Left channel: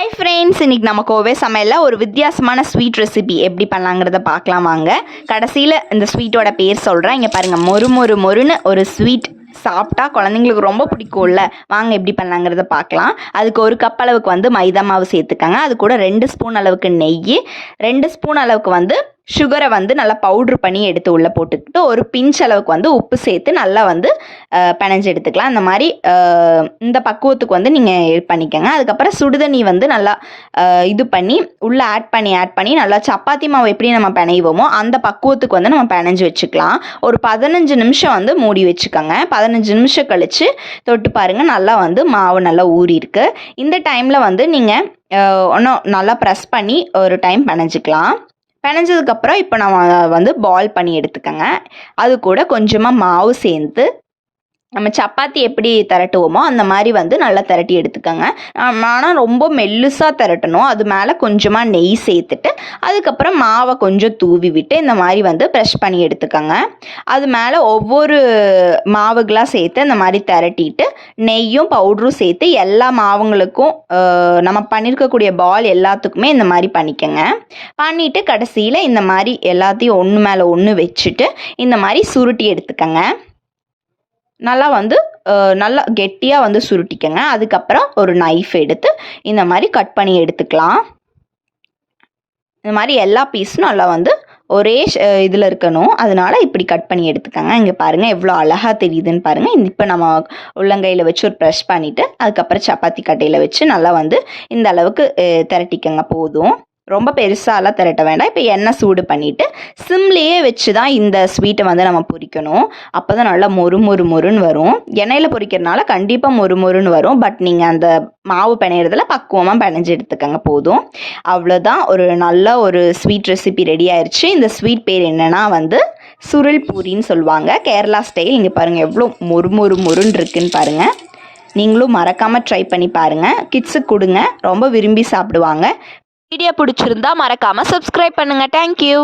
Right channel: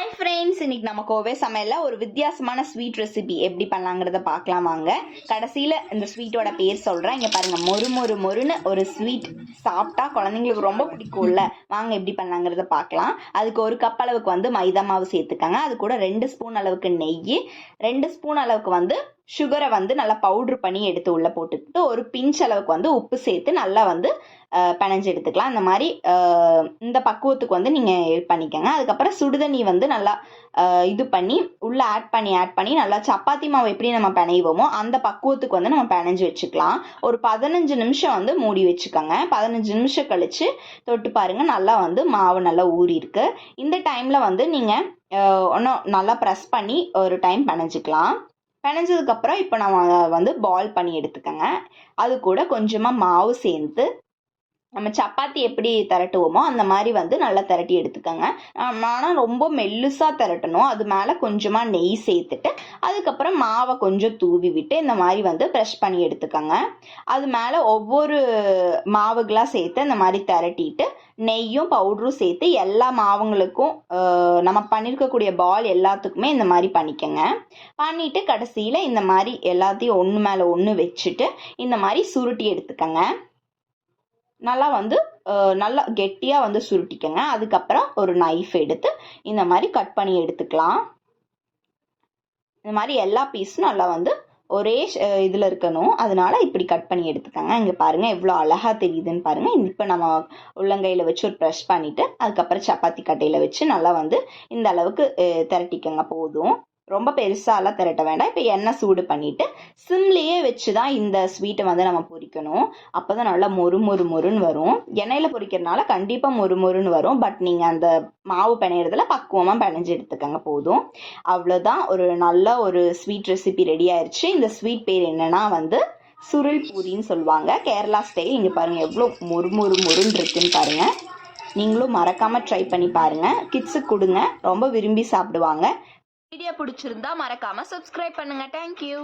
Hi friends இன்றைக்கி நம்ம கோவே சமையலில் ஒரு வித்தியாசமான ஸ்வீட் ரெசிபி எப்படி பண்ணலாங்கிறத பார்க்கலாம் வாங்க. கடைசியில் இந்த ஸ்வீட்டோட பேர் சொல்கிறேன் இங்கே பாருங்கள் மொறு மொறு மொறுன்னு ஒரு ஸ்வீட் சாப்பிட்டா குழந்தைங்களுக்கு ரொம்ப பிடிக்கும்ல. வாங்க எப்படி பண்ணலாங்கிறத பார்க்கலாம். அதுக்கு ஒரு கப் அளவுக்கு வந்து மைதா மாவு சேர்த்துக்கோங்க. அது கூட ரெண்டு ஸ்பூன் அளவுக்கு நெய் ரெண்டு ஸ்பூன் அளவுக்கு வந்து சுகரை வந்து நல்லா பவுட்ரு பண்ணி எடுத்து உள்ளே போட்டுக்கிட்டு ஒரு பிஞ்ச் அளவுக்கு வந்து உப்பு சேர்த்து நல்லா வந்து பிணைஞ்சு எடுத்துக்கலாம். அந்த மாதிரி இந்த பக்குவத்துக்கு வந்து நீங்கள் இது பண்ணிக்கோங்க. அதுக்கப்புறம் சுடுதண்ணி வந்து நல்லா இது பண்ணி உள்ளே ஆட் பண்ணி ஆட் பண்ணி நல்லா சப்பாத்தி மாவு எப்படி நம்ம பிணைவோமோ அந்த பக்குவத்துக்கு வந்து நம்ம பிணைஞ்சு வச்சுக்கலாம். ஒரு பதினஞ்சு நிமிஷம் வந்து மூடி வச்சுக்கோங்க. பதினஞ்சு நிமிஷம் கழித்து தொட்டு பாருங்கள் நல்லா வந்து மாவு நல்லா ஊறி இருக்கு. இந்த டைமில் வந்து நீங்கள் ஒன்றும் நல்லா ப்ரெஸ் பண்ணி ஒரு டைம் பிணைஞ்சிக்கலாம். பிணைஞ்சதுக்கப்புறம் இப்போ நம்ம வந்து பால் பண்ணி எடுத்துக்கோங்க. அது கூட கொஞ்சமாக மாவு சேர்த்து நம்ம சப்பாத்தி எப்படி திரட்டுவோமோ அந்த மாதிரி வந்து நல்லா திரட்டி எடுத்துக்கோங்க. ஆனால் ரொம்ப மெல்லுசாக திரட்டணும். அது மேலே கொஞ்சமாக நெய் சேர்த்துட்டு அதுக்கப்புறம் மாவை கொஞ்சம் தூவி விட்டு இந்த மாதிரி வந்து ப்ரெஷ் பண்ணி எடுத்துக்கோங்க. அது மேலே ஒவ்வொரு மாவுகளாக சேர்த்து இந்த மாதிரி திரட்டிட்டு நெய்யும் பவுடரும் சேர்த்து எல்லா மாவுங்களுக்கும் நம்ம பண்ணியிருக்கக்கூடிய பால் எல்லாத்துக்குமே இந்த மாதிரி பண்ணிக்கோங்க. பண்ணிவிட்டு கடைசியில் இந்த மாதிரி எல்லாத்தையும் ஒன்று மேலே ஒன்று வச்சுட்டு இந்த மாதிரி சுருட்டி எடுத்துக்கோங்க. நல்லா வந்து நல்லா கெட்டியாக வந்து சுருட்டிக்கங்க. அதுக்கப்புறம் ஒரு நைஃப் எடுத்து இந்த மாதிரி கட் பண்ணி எடுத்துக்கலாம். இந்த மாதிரி எல்லா பீஸும் நல்லா வந்து ஒரே இதில் இருக்கணும். அதனால இப்படி கட் பண்ணி எடுத்துக்கோங்க. இங்கே பாருங்கள் எவ்வளோ அழகாக தெரியுதுன்னு பாருங்கள் இப்போ நம்ம உள்ளங்கையில் வச்சு ஒரு ப்ரெஷ் பண்ணிவிட்டு அதுக்கப்புறம் சப்பாத்தி கட்டையில் வச்சு நல்லா வந்து இந்த அளவுக்கு திரட்டிக்கங்க. போதும். ரொம்ப பெருசாலாம் திரட்ட வேண்டாம். இப்போ எண்ணெய் சூடு பண்ணிவிட்டு சிம்லேயே வச்சு தான் இந்த ஸ்வீட்டை வந்து நம்ம பொரிக்கணும். அப்போ தான் நல்லா மொறு மொறு மொறுன்னு வரும். எண்ணெயில் பொரிக்கிறதுனால கண்டிப்பாக மொறு மொறுன்னு வரும். பட் நீங்கள் அந்த மாவு பிணையிறதுல பக்குவமாக பிணைஞ்சு எடுத்துக்கங்க போதும். அவ்வளோதான் ஒரு நல்ல ஒரு ஸ்வீட் ரெசிபி ரெடி ஆயிடுச்சு இந்த ஸ்வீட் பேர் என்னென்னா வந்து சுருள் பூரின்னு சொல்லுவாங்க. கேரளா ஸ்டைல் இங்கே பாருங்கள் எவ்வளோ மொறு மொறு மொறுன்னு இருக்குன்னு பாருங்கள் நீங்களும் மறக்காமல் ட்ரை பண்ணி பாருங்கள் கிட்ஸுக்கு கொடுங்க. ரொம்ப விரும்பி சாப்பிடுவாங்க. வீடியோ பிடிச்சிருந்தா மறக்காம சப்ஸ்கிரைப் பண்ணுங்க. தேங்க்யூ